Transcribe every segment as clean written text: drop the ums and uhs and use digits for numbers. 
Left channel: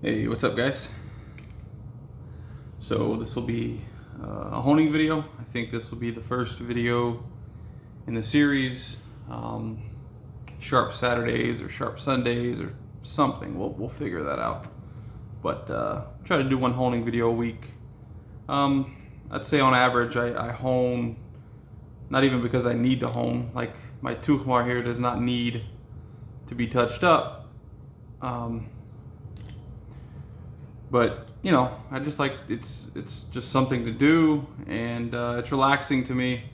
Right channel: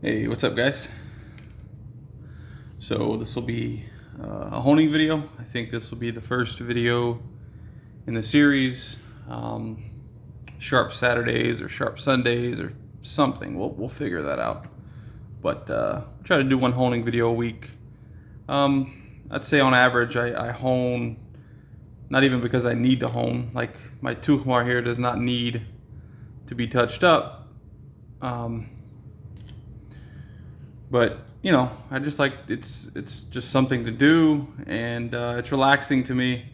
Hey, what's up, guys? So this will be a honing video. I think this will be the first video in the series. Sharp Saturdays or Sharp Sundays or something. We'll figure that out. But try to do one honing video a week. I'd say on average I hone, not even because I need to hone. Like my Tuchmar here does not need to be touched up. But you know, I just like it's just something to do, and it's relaxing to me.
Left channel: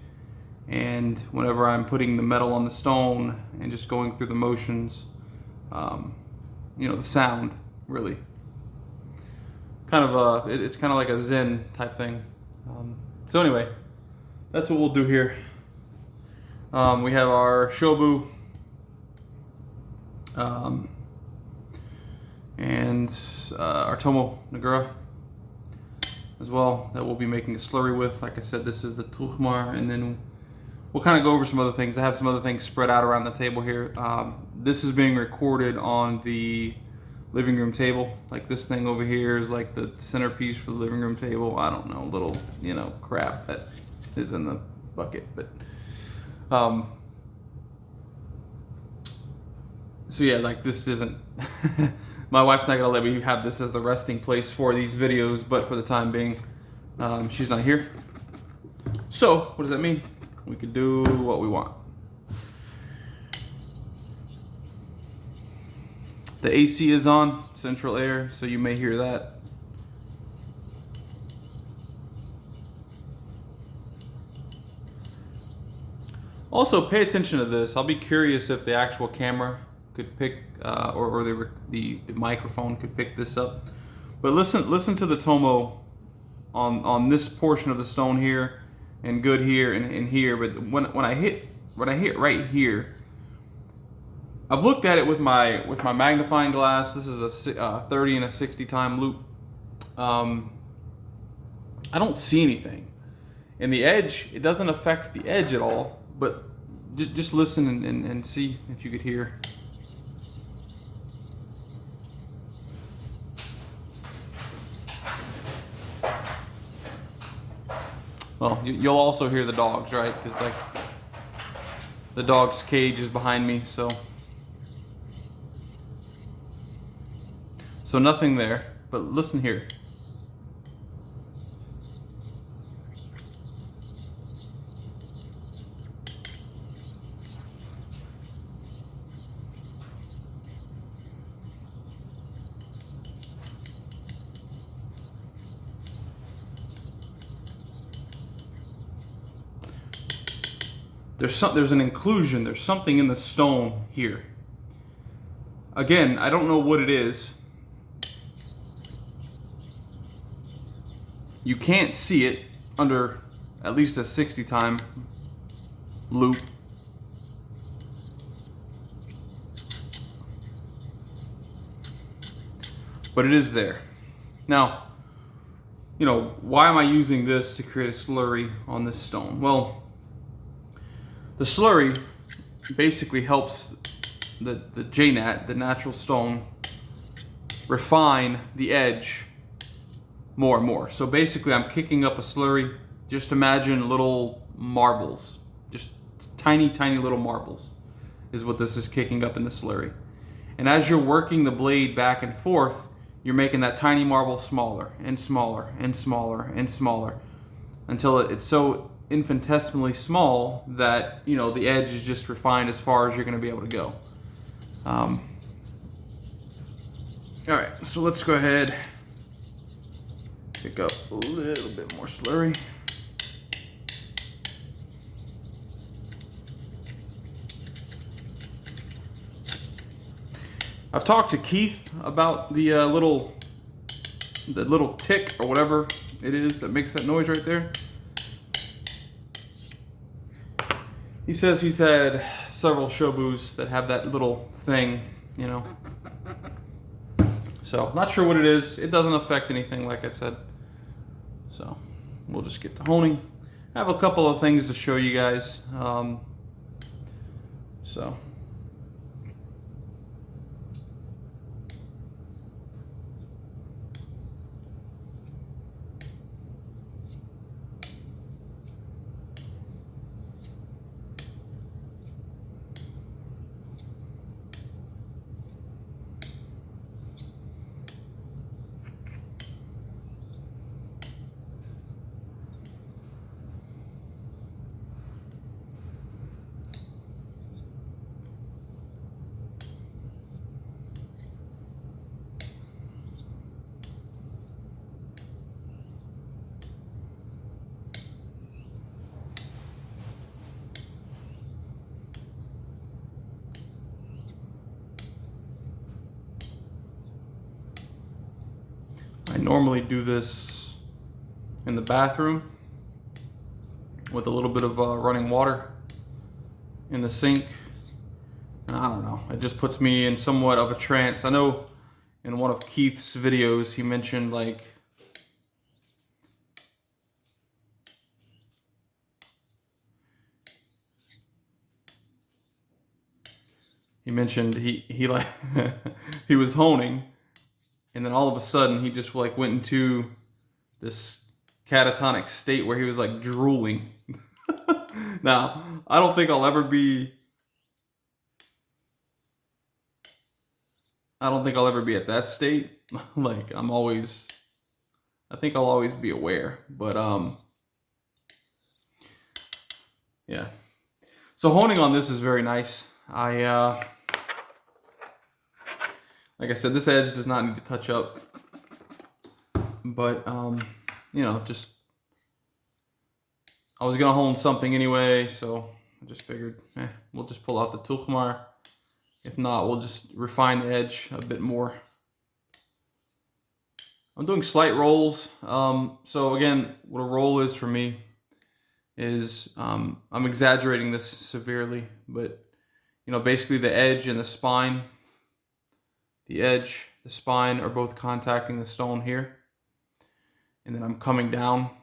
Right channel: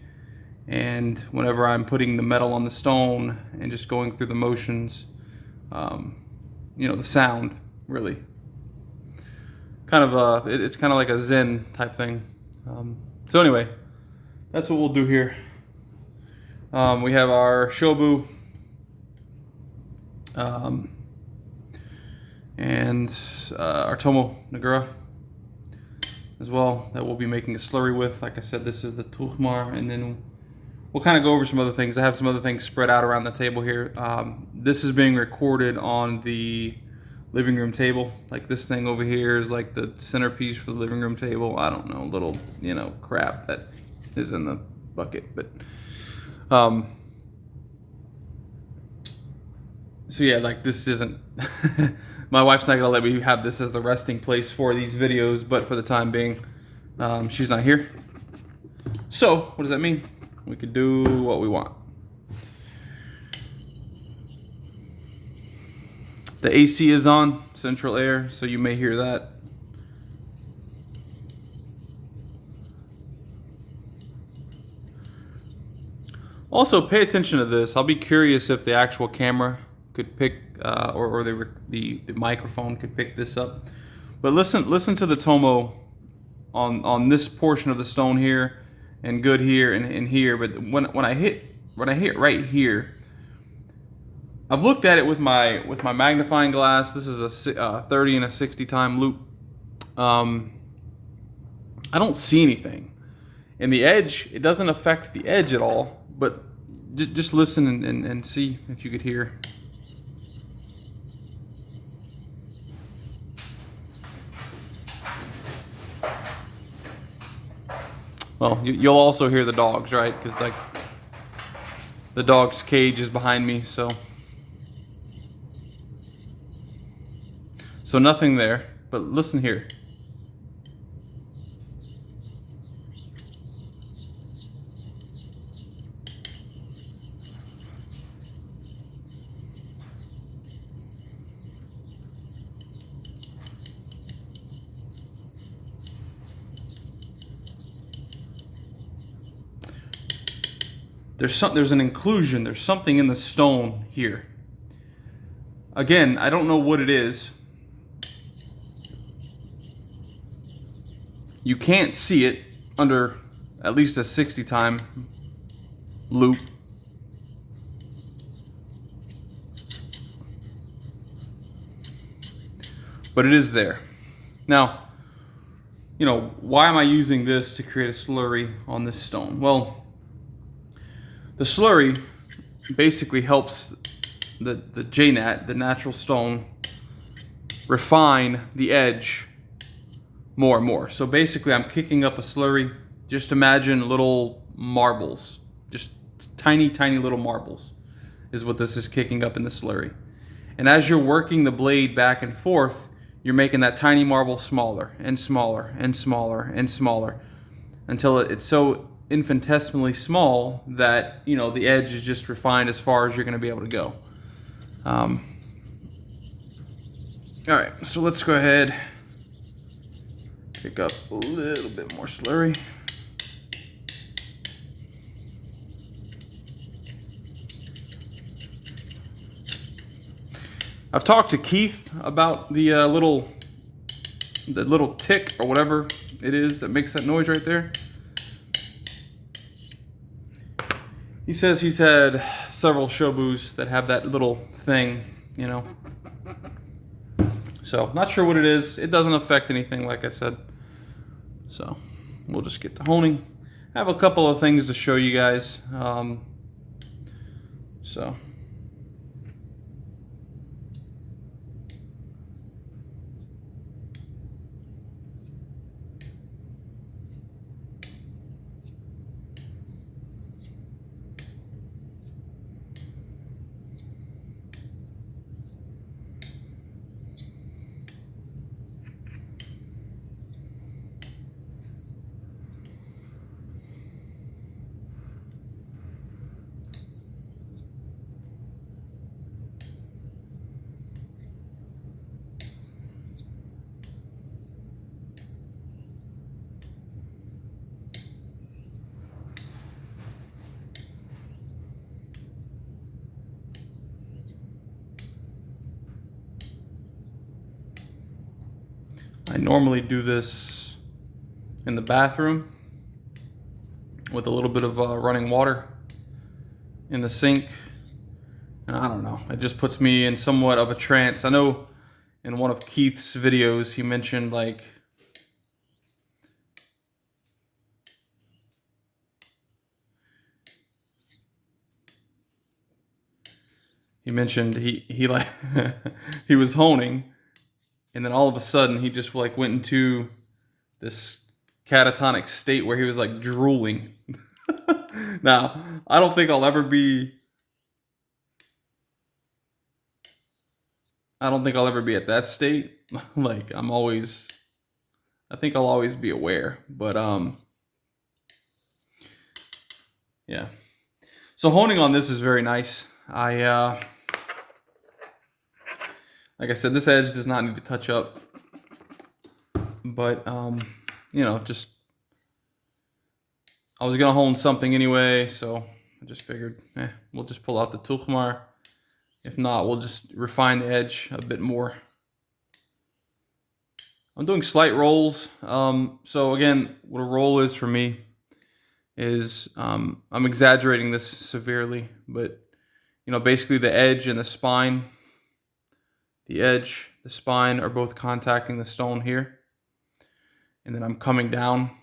And whenever I'm putting the metal on the stone and just going through the motions, you know, the sound really kind of it's kind of like a zen type thing. So anyway, that's what we'll do here. We have our Shobu. And our Tomo Nagura as well that we'll be making a slurry with. Like I said, this is the Tuchmar, and then we'll kind of go over some other things. I have some other things spread out around the table here. This is being recorded on the living room table. Like this thing over here is like the centerpiece for the living room table. I don't know, little, you know, crap that is in the bucket. But so yeah, like this isn't my wife's not gonna let me have this as the resting place for these videos, but for the time being, she's not here. So what does that mean? We could do what we want. The AC is on, central air, so you may hear that. Also, pay attention to this. I'll be curious if the actual camera could pick, or the microphone could pick this up. But listen to the Tomo on this portion of the stone here, and good here and here. But when I hit right here, I've looked at it with my magnifying glass. This is a 30 and a 60 time loop. I don't see anything, and the edge, it doesn't affect the edge at all. But just listen and see if you could hear. Well, you'll also hear the dogs, right? Because like the dog's cage is behind me, so nothing there. But listen here. There's an inclusion. There's something in the stone here. Again, I don't know what it is. You can't see it under at least a 60 time loop. But it is there. Now, you know, why am I using this to create a slurry on this stone? Well, the slurry basically helps the JNat, the natural stone, refine the edge more and more. So basically I'm kicking up a slurry. Just imagine little marbles, just tiny little marbles is what this is kicking up in the slurry. And as you're working the blade back and forth, you're making that tiny marble smaller and smaller and smaller and smaller until it's so infinitesimally small that, you know, the edge is just refined as far as you're going to be able to go. All right, so let's go ahead, pick up a little bit more slurry. I've talked to Keith about the little tick or whatever it is that makes that noise right there. He says he's had several Shobus that have that little thing, you know. So, not sure what it is. It doesn't affect anything, like I said. So, we'll just get to honing. I have a couple of things to show you guys. I normally do this in the bathroom with a little bit of running water in the sink. And I don't know, it just puts me in somewhat of a trance. I know in one of Keith's videos, he mentioned like, he like he was honing, and then all of a sudden he just like went into this catatonic state where he was like drooling. Now, I don't think I'll ever be at that state. Like I think I'll always be aware, but yeah. So honing on this is very nice. Like I said, this edge does not need to touch up, but just I was gonna hone something anyway, so I just figured, we'll just pull out the Tuchmar. If not, we'll just refine the edge a bit more. I'm doing slight rolls. So again, what a roll is for me is, I'm exaggerating this severely, but basically the edge and the spine, the spine are both contacting the stone here. And then I'm coming down.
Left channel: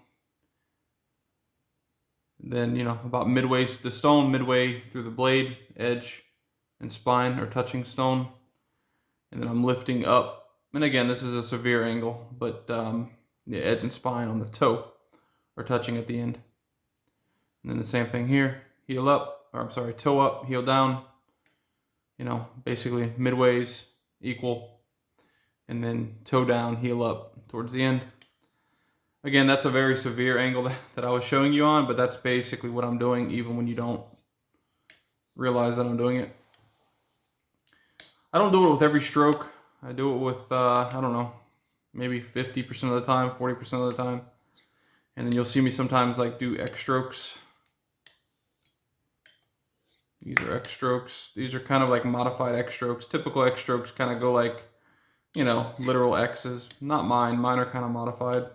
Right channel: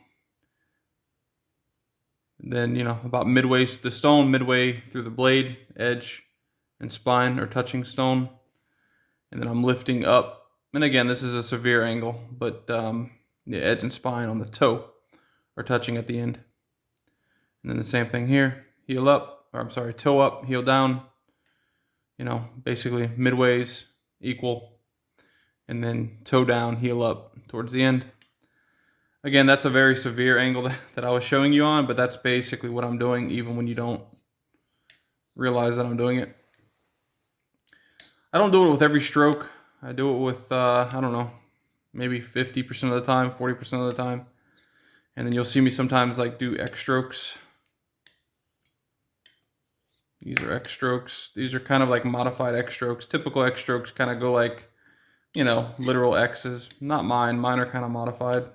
And then, about midway through the stone, midway through the blade, edge and spine are touching stone. And then I'm lifting up. And again, this is a severe angle, but the edge and spine on the toe are touching at the end. And then the same thing here, toe up, heel down. Basically midways equal. And then toe down, heel up towards the end. Again, that's a very severe angle that I was showing you on, but that's basically what I'm doing even when you don't realize that I'm doing it. I don't do it with every stroke. I do it with, I don't know, maybe 50% of the time, 40% of the time. And then you'll see me sometimes like do X strokes. These are X strokes. These are kind of like modified X strokes. Typical X strokes kind of go like, literal X's. Not mine. Mine are kind of modified.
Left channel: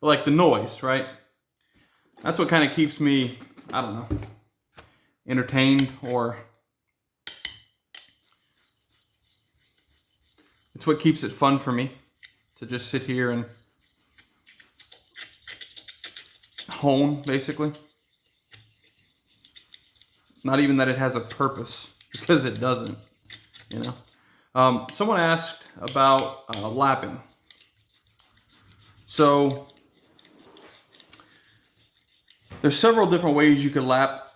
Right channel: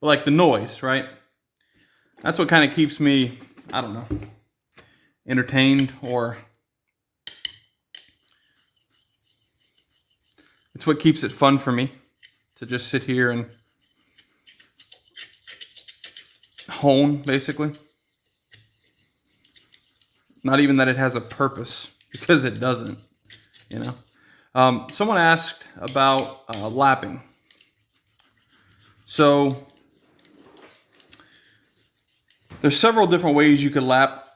But like the noise, right? That's what kind of keeps me, I don't know, entertained, or it's what keeps it fun for me to just sit here and hone, basically. Not even that it has a purpose, because it doesn't, Someone asked about lapping. So there's several different ways you could lap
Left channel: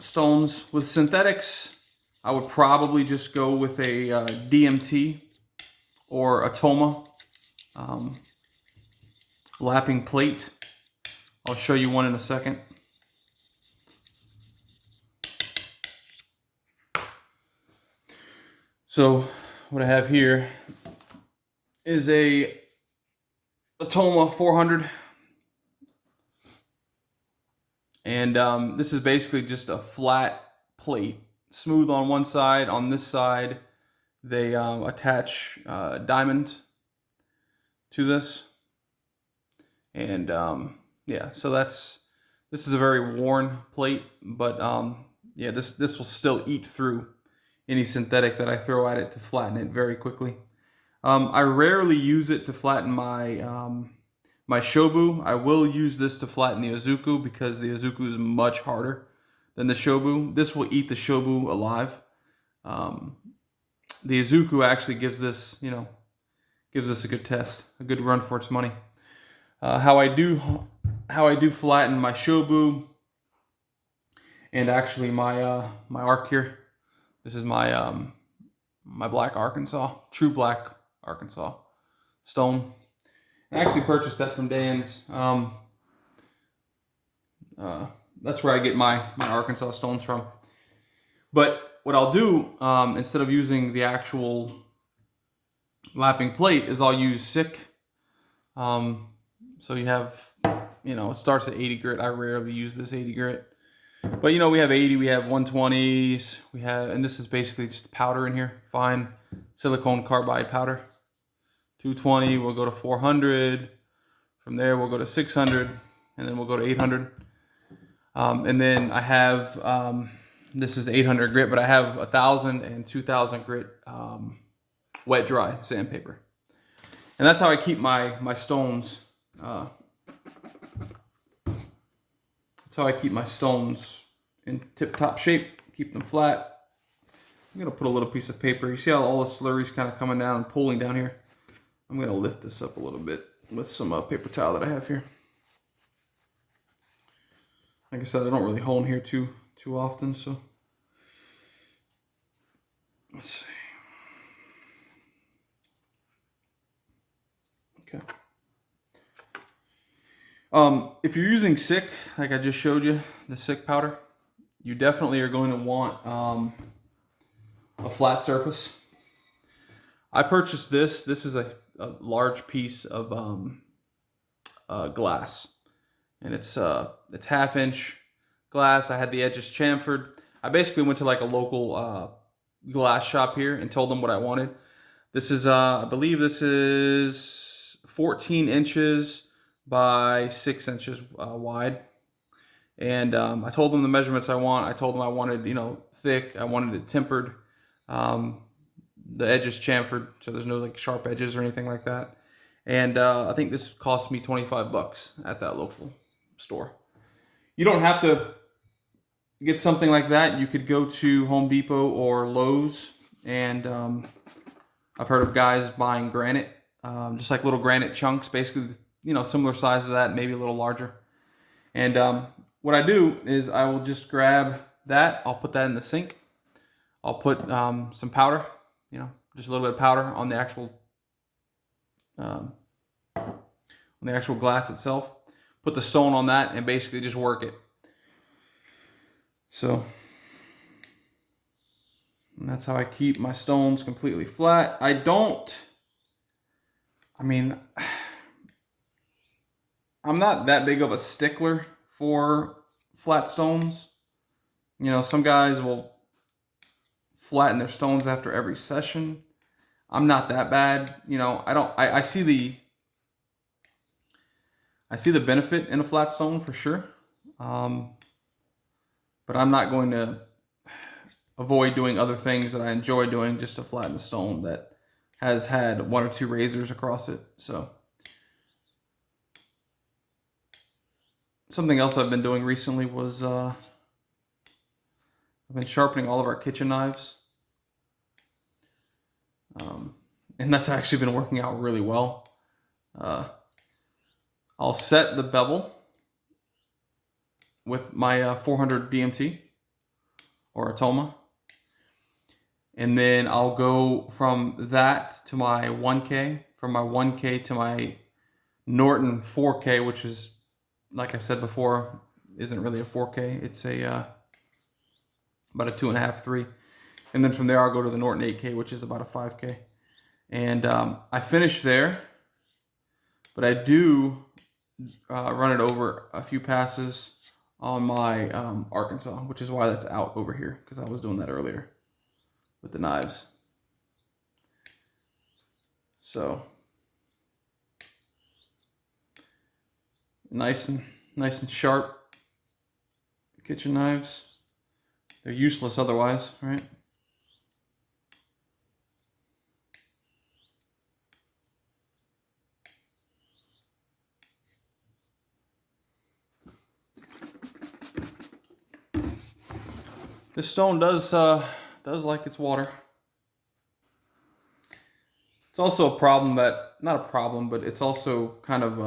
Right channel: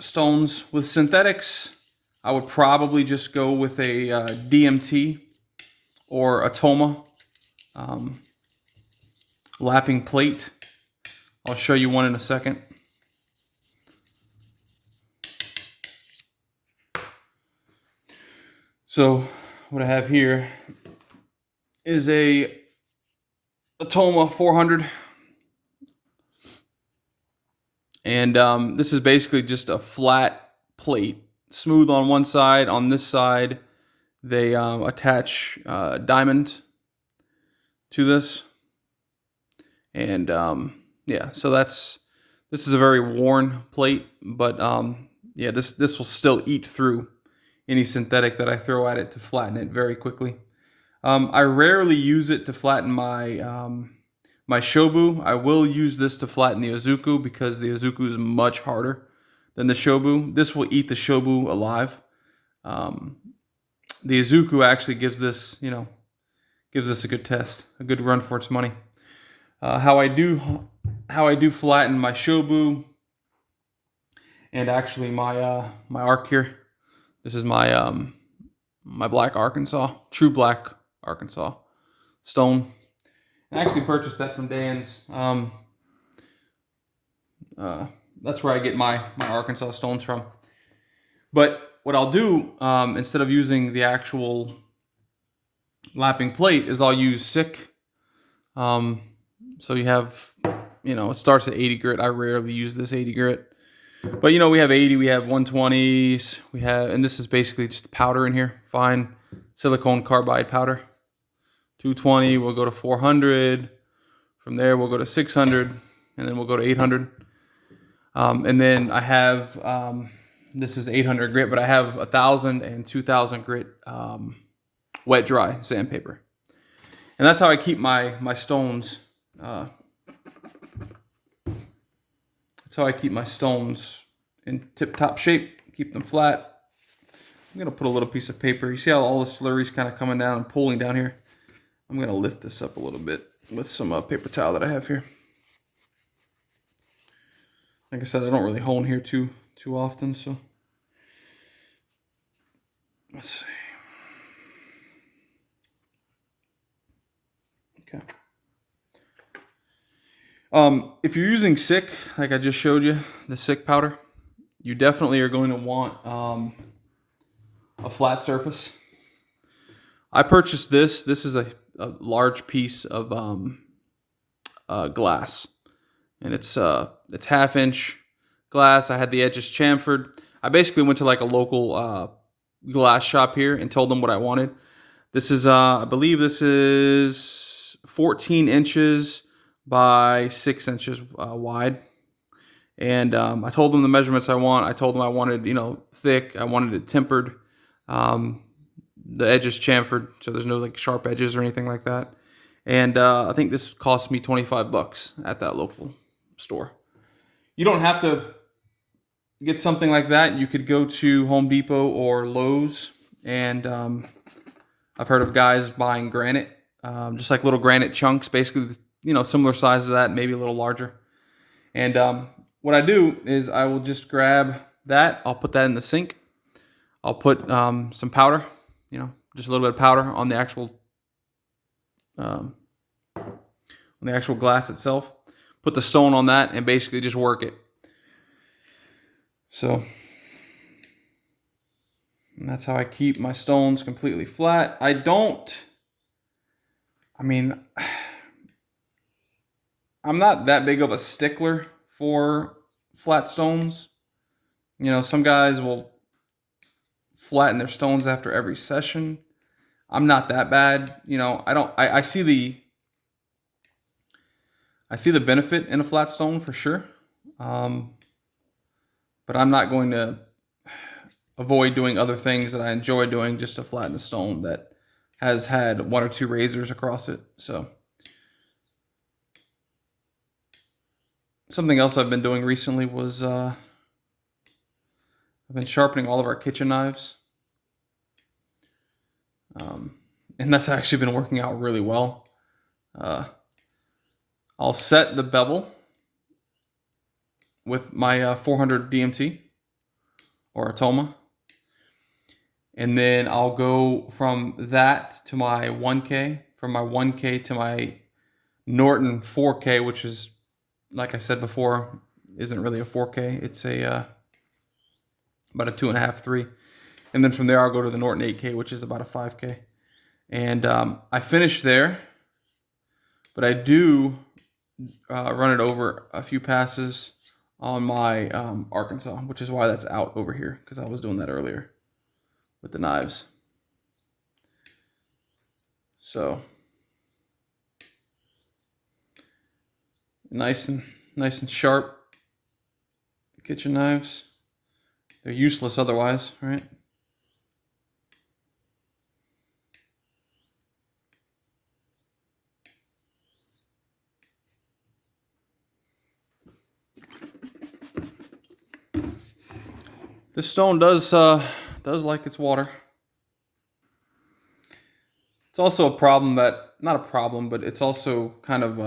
stones. With synthetics, I would probably just go with a DMT or a Toma lapping plate. I'll show you one in a second. So what I have here is a Toma 400. And this is basically just a flat plate, smooth on one side. On this side, they attach diamond to this. And so this is a very worn plate, but this will still eat through any synthetic that I throw at it to flatten it very quickly. I rarely use it to flatten my Shobu. I will use this to flatten the Izuku because the Izuku is much harder than the Shobu. This will eat the Shobu alive. The Izuku actually gives this a good test, a good run for its money. How I do flatten my Shobu, and actually my arc here. This is my my black Arkansas, true black Arkansas stone. I actually purchased that from Dan's. That's where I get my Arkansas stones from. But what I'll do, instead of using the actual lapping plate, is I'll use SICK. So you have, it starts at 80 grit. I rarely use this 80 grit. But, we have 80, we have 120s, and this is basically just the powder in here. Fine silicone carbide powder. 220, we'll go to 400. From there, we'll go to 600, and then we'll go to 800. And then I have, this is 800 grit, but I have 1,000 and 2,000 grit wet dry sandpaper. And that's how I keep my stones. That's how I keep my stones in tip-top shape, keep them flat. I'm gonna put a little piece of paper. You see how all the slurry's kind of coming down and pooling down here? I'm gonna lift this up a little bit with some paper towel that I have here. Like I said, I don't really hone here too often, so let's see. Okay. If you're using SICK, like I just showed you, the SICK powder, you definitely are going to want a flat surface. I purchased this. This is a large piece of glass, and it's 1/2 inch glass. I had the edges chamfered. I basically went to like a local glass shop here and told them what I wanted. This is I believe this is 14 inches by 6 inches wide. And I told them the measurements I want. I told them I wanted, thick. I wanted it tempered. The edges chamfered, so there's no like sharp edges or anything like that. And I think this cost me $25 at that local store. You don't have to get something like that. You could go to Home Depot or Lowe's, and I've heard of guys buying granite, just like little granite chunks, basically, similar size to that, maybe a little larger. And what I do is I will just grab that. I'll put that in the sink. I'll put some powder, just a little bit of powder on the actual glass itself. Put the stone on that and basically just work it. So, and that's how I keep my stones completely flat. I'm not that big of a stickler for flat stones. Some guys will flatten their stones after every session. I'm not that bad. I see the benefit in a flat stone for sure. But I'm not going to avoid doing other things that I enjoy doing just to flatten a stone that has had 1 or 2 razors across it. So something else I've been doing recently was I've been sharpening all of our kitchen knives. And that's actually been working out really well. I'll set the bevel with my 400 DMT or Atoma. And then I'll go from that to my 1K, from my 1K to my Norton 4K, which is, like I said before, isn't really a 4K. It's about a 2.5, 3. And then from there, I'll go to the Norton 8K, which is about a 5K. And I finish there, but I do run it over a few passes on my Arkansas, which is why that's out over here, because I was doing that earlier with the knives. So nice and sharp kitchen knives. They're useless otherwise, right? This stone does like its water. It's also a problem that, not a problem, but it's also kind of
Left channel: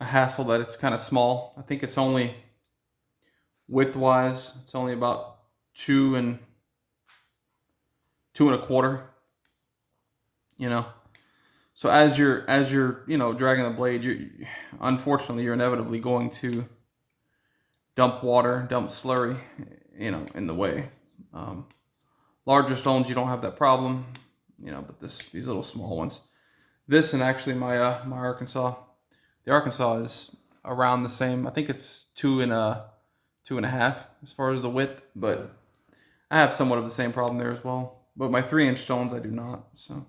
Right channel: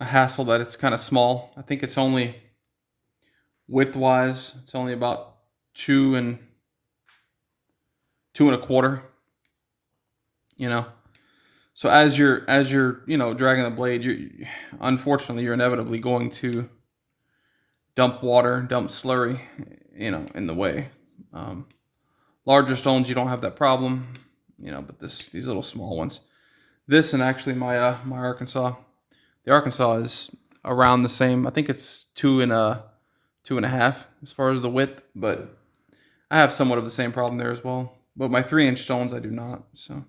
a hassle that it's kind of small. I think it's only, width-wise, it's only about 2 and 2.25. So as you're dragging the blade, unfortunately you're inevitably going to dump water, dump slurry, in the way. Larger stones, you don't have that problem, but these little small ones. This and actually my Arkansas, The Arkansas is around the same. I think it's 2.5 as far as the width, but I have somewhat of the same problem there as well. But my 3-inch stones, I do not. So.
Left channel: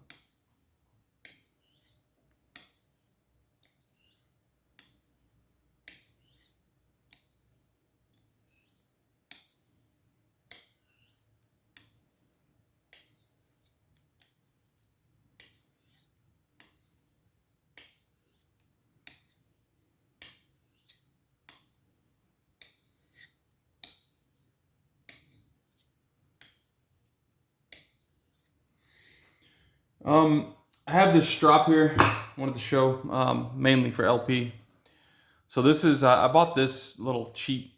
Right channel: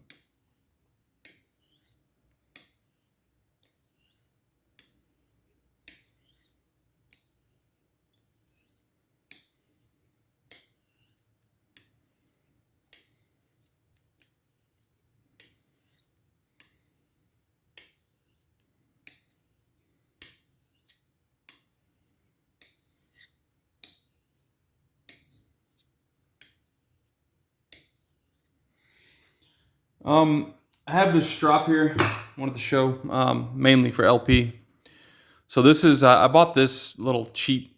I have this strop here. I wanted to show mainly for LP. So this is I bought this little cheap.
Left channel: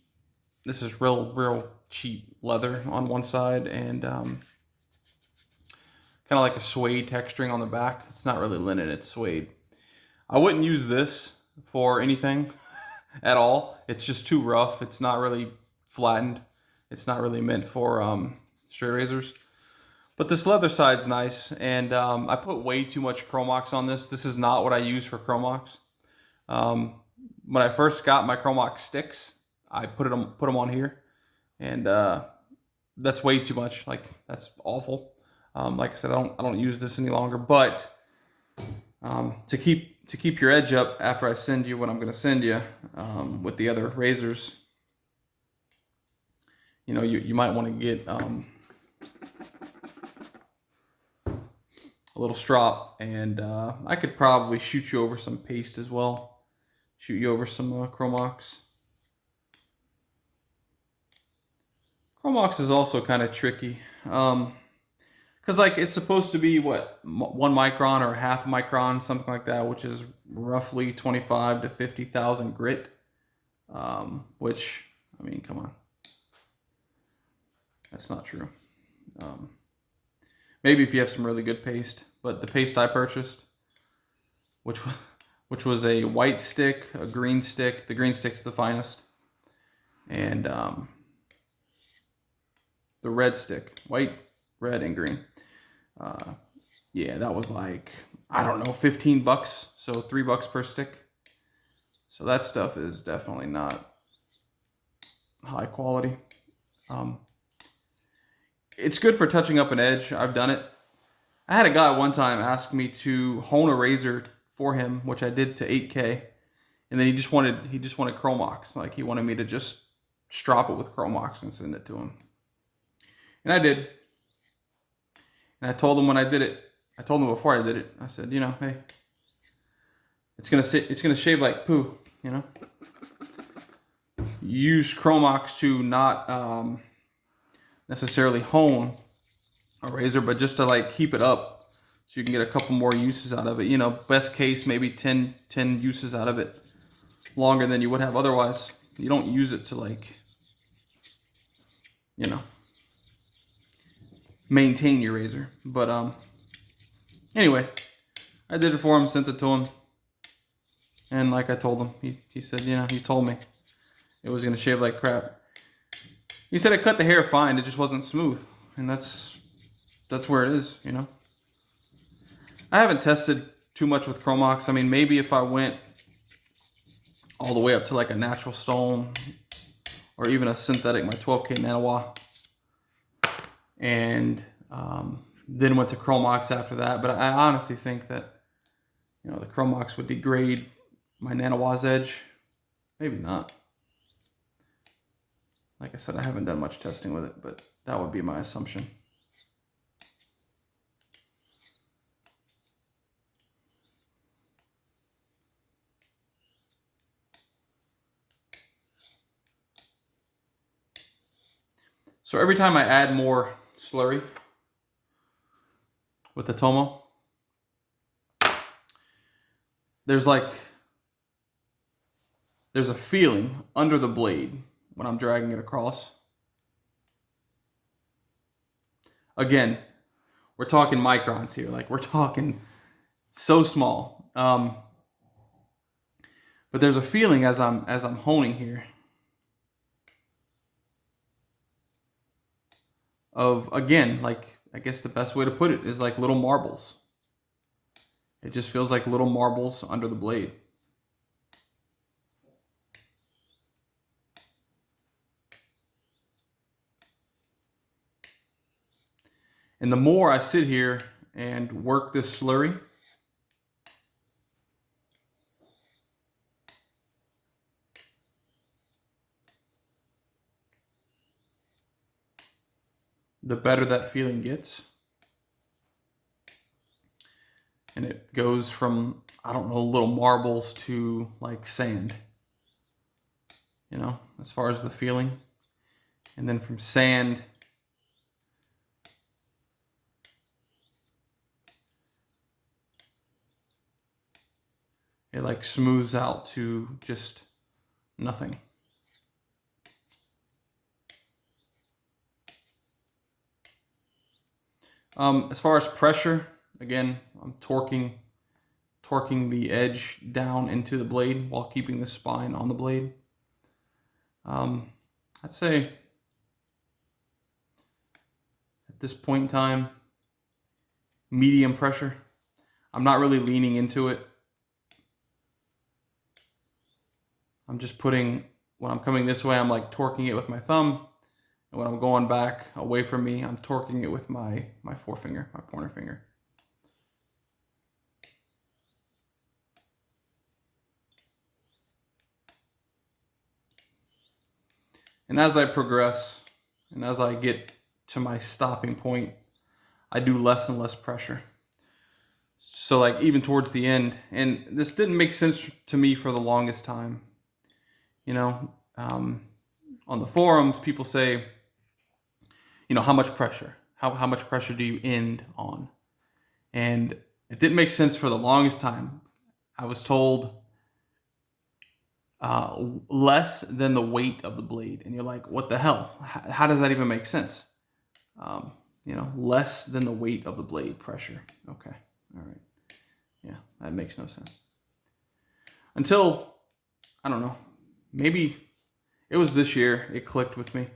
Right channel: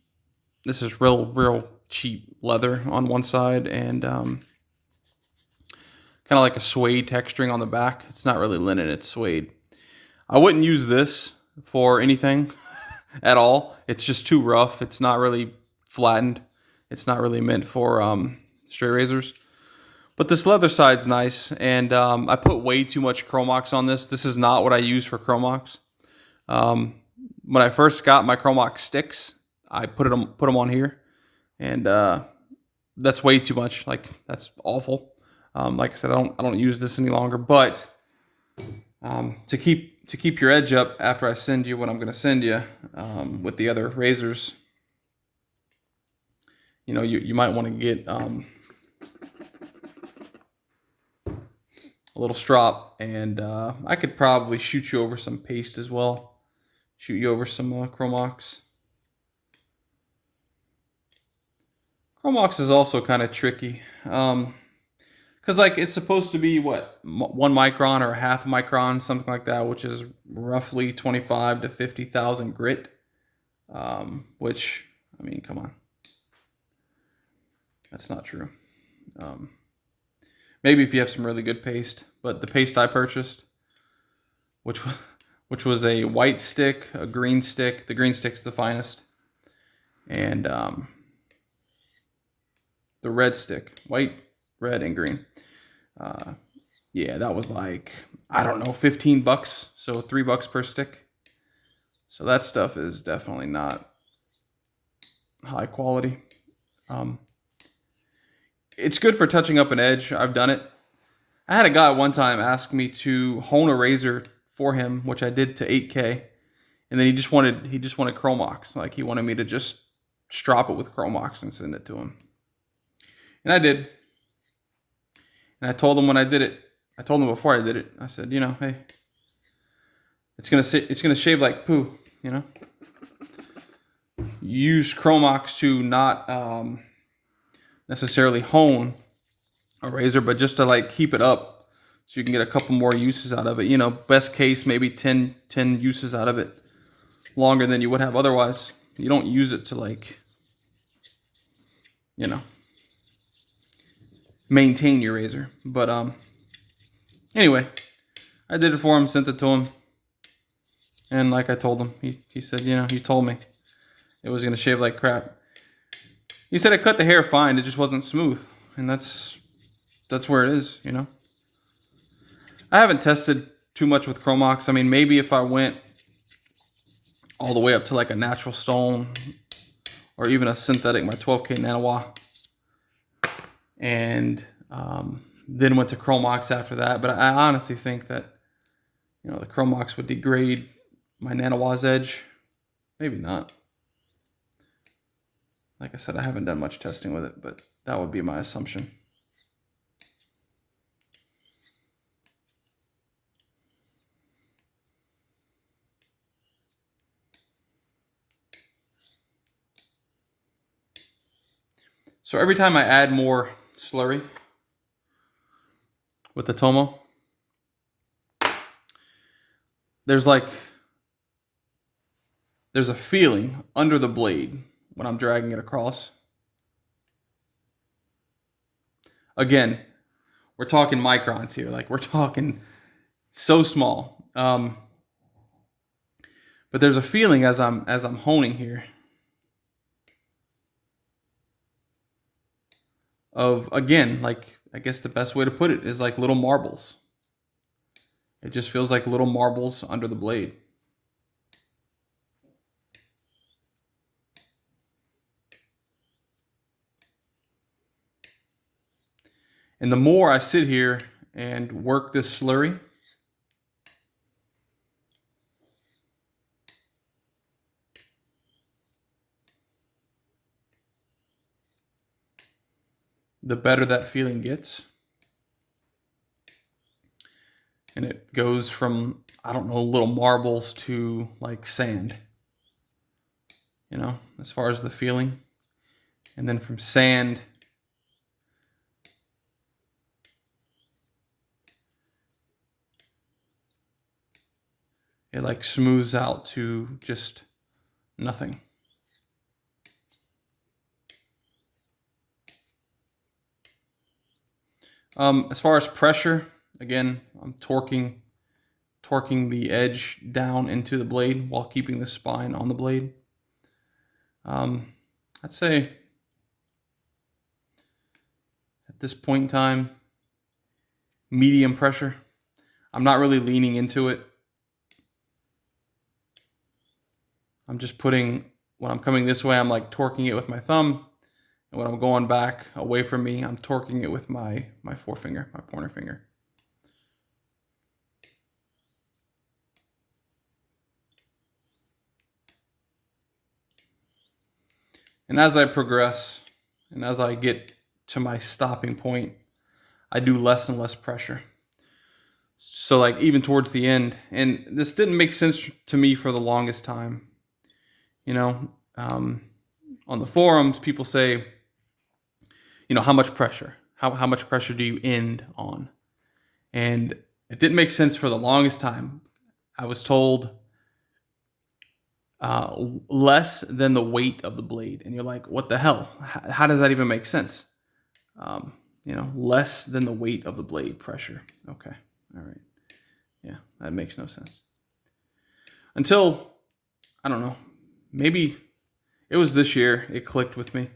This is real cheap leather on one side and kind of like a suede texturing on the back. It's not really linen; it's suede. I wouldn't use this for anything at all. It's just too rough. It's not really flattened. It's not really meant for straight razors. But this leather side's nice, and I put way too much Chromox on this. This is not what I use for Chromox. When I first got my Chromox sticks, I put them on here, and that's way too much. Like, that's awful. Like I said, I don't use this any longer. But to keep your edge up after I send you what I'm going to send you with the other razors, you might want to get a little strop, and I could probably shoot you over some paste as well. Shoot you over some Chromox. Chromox is also kind of tricky. Because like it's supposed to be what, 1 micron or a half micron, something like that, which is roughly 25 to 50,000 grit. Which, I mean, come on. That's not true. Maybe if you have some really good paste, but the paste I purchased, which was a white stick, a green stick. The green stick's the finest, and the red stick, white, red, and green. Yeah, that was like, I don't know, $15, so $3 per stick. So that stuff is definitely not high quality. It's good for touching up an edge. I've done it. I had a guy one time ask me to hone a razor for him, which I did to 8K, and then he just wanted Chromox. Like, he wanted me to just strop it with Chromox and send it to him, and I did. And I told him when I did it. I told him before I did it. I said, hey, it's gonna shave like poo. Use Chromox to not necessarily hone a razor, but just to like keep it up so you can get a couple more uses out of it. Best case, maybe 10 uses out of it, longer than you would have otherwise. You don't use it to like, maintain your razor. But anyway, I did it for him, sent it to him, and like I told him, he said, he told me it was gonna shave like crap. He said it cut the hair fine, it just wasn't smooth, and that's where it is. I haven't tested too much with Chromox. I mean, maybe if I went all the way up to like a natural stone or even a synthetic, my 12K Nanawa, and then went to Chromox after that. But I honestly think that the Chromox would degrade my Nanawa's edge. Maybe not. Like I said, I haven't done much testing with it, but that would be my assumption. So every time I add more slurry with the Tomo, there's a feeling under the blade when I'm dragging it across. Again, we're talking microns here. Like, we're talking so small. But there's a feeling as I'm honing here of, again, like, I guess the best way to put it is like little marbles. It just feels like little marbles under the blade. And the more I sit here and work this slurry, the better that feeling gets. And it goes from, I don't know, little marbles to like sand, you know, as far as the feeling. And then from sand, it like smooths out to just nothing. As far as pressure, again, I'm torquing the edge down into the blade while keeping the spine on the blade. I'd say at this point in time, medium pressure. I'm not really leaning into it. I'm just putting, when I'm coming this way, I'm like torquing it with my thumb. And when I'm going back away from me, I'm torquing it with my forefinger, my pointer finger. And as I progress, and as I get to my stopping point, I do less and less pressure. So like even towards the end, and this didn't make sense to me for the longest time. You know, on the forums, people say, you know, how much pressure? How much pressure do you end on? And it didn't make sense for the longest time. I was told less than the weight of the blade. And you're like, what the hell? How does that even make sense? You know, less than the weight of the blade pressure. Okay. All right. Yeah, that makes no sense. Until, I don't know, maybe it was this year it clicked with me.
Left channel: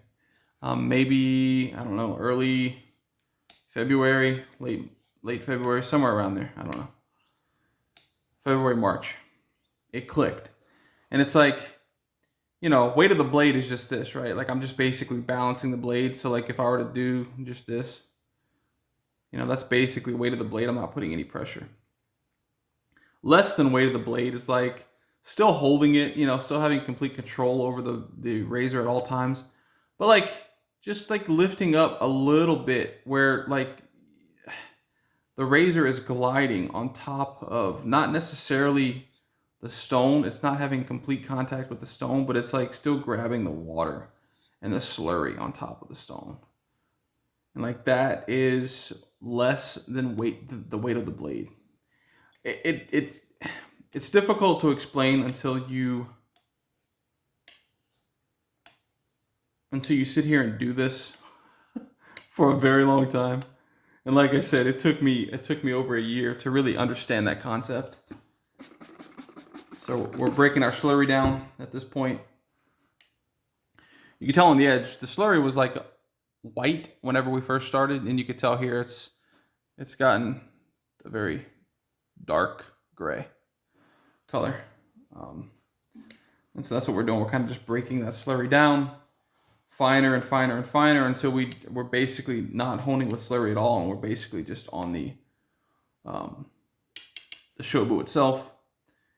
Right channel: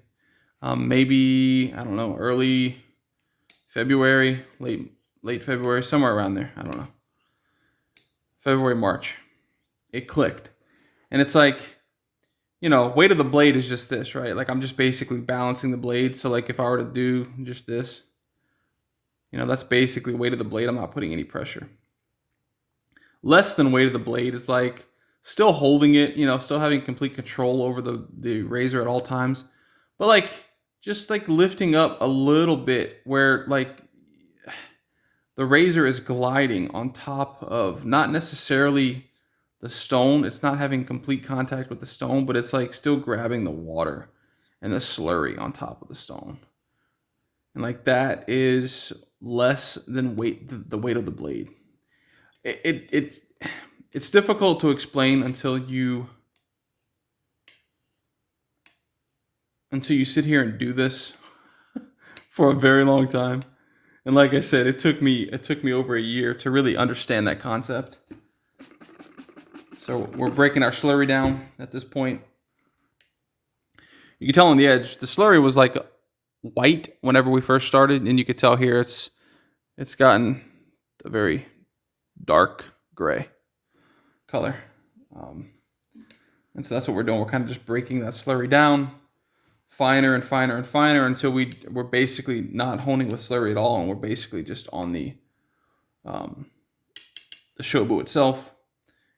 Maybe, I don't know, early February, late February, somewhere around there. I don't know. February, March. It clicked. And it's like, you know, weight of the blade is just this, right? Like I'm just basically balancing the blade. So like if I were to do just this, you know, that's basically weight of the blade. I'm not putting any pressure. Less than weight of the blade is like still holding it, you know, still having complete control over the razor at all times. But like just like lifting up a little bit where like the razor is gliding on top of not necessarily the stone. It's not having complete contact with the stone, but it's like still grabbing the water and the slurry on top of the stone. And like that is less than the weight of the blade. It's difficult to explain until you sit here and do this for a very long time. And like I said, it took me over a year to really understand that concept. So we're breaking our slurry down at this point. You can tell on the edge, the slurry was like white whenever we first started, and you could tell here it's gotten a very dark gray color. And so that's what we're doing. We're kind of just breaking that slurry down finer and finer and finer until we're basically not honing with slurry at all, and we're basically just on the shobu itself.